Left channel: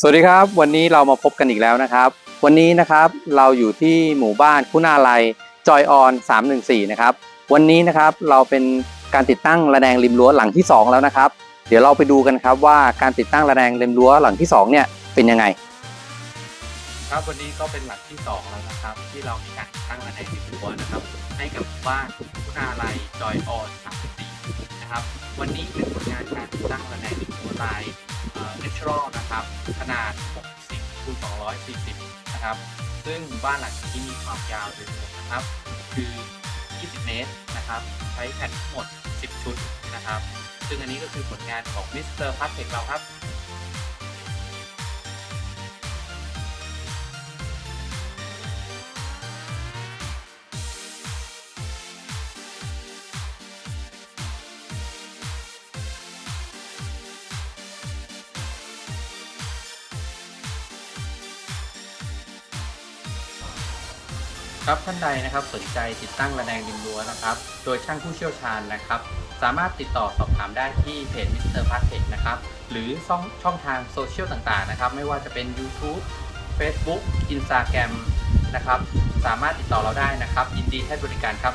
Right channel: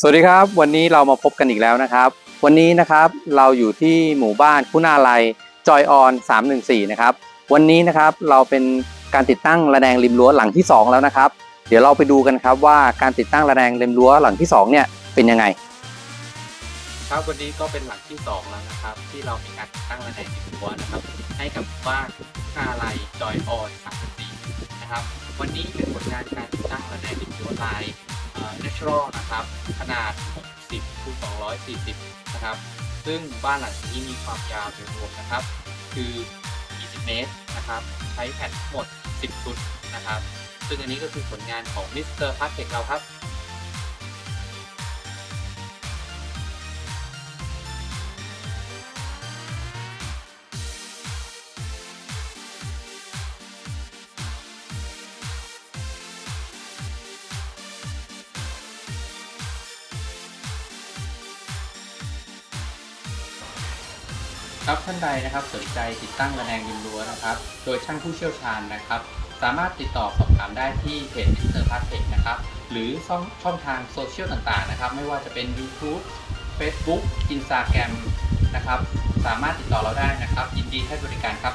สวัสดีครับ วันนี้เรามาพบกันอีกแล้วนะครับ วันนี้นะครับเราอยู่ที่หมู่บ้านคุณาลัยจอยออน 314 นะครับ วันนี้นะครับเราเป็นการติดตั้งระแนงริมรั้วหลังที่ 2 แล้วนะครับ เดี๋ยวเราไปดูกันครับว่าการติดตั้งระแนงริมรั้วหลังที่ 2 เนี่ยเป็นยังไง ครับวันนี้ก็เป็นหลังที่สองแล้วนะครับ ที่เรามีการติดตั้งระแนงดินรั้วนะครับให้กับบ้านคุณาลัยจอยออนสามปีนะครับ วันนี้เป็นผลงานการติดตั้งระแนงดินรั้วลายเนเชอรัล นะครับ ขนาด 60คูณ240 นะครับ ซึ่งบ้านหลังนี้มีความยาวโดยรวมนะครับ คือ 20 เมตรนะครับ ใช้แผ่นทั้งหมด 10 ชุดนะครับ ซึ่งอันนี้ก็คือผลงานของมิสเตอร์พักเก็ตเราครับ รับท่านใดนะครับสนใจติดตั้งระแนงดินรั้วนะครับ โดยช่างผู้เชี่ยวชาญนะครับ สามารถติดต่อสอบถามได้ที่เพจมิสเตอร์พาร์ทเทคนะครับ หรือช่องช่องทางโซเชียลต่างๆนะครับ ไม่ว่าจะเป็น YouTube Facebook Instagram นะครับ สามารถติดต่อเราได้นะครับ ยินดีให้บริการครับ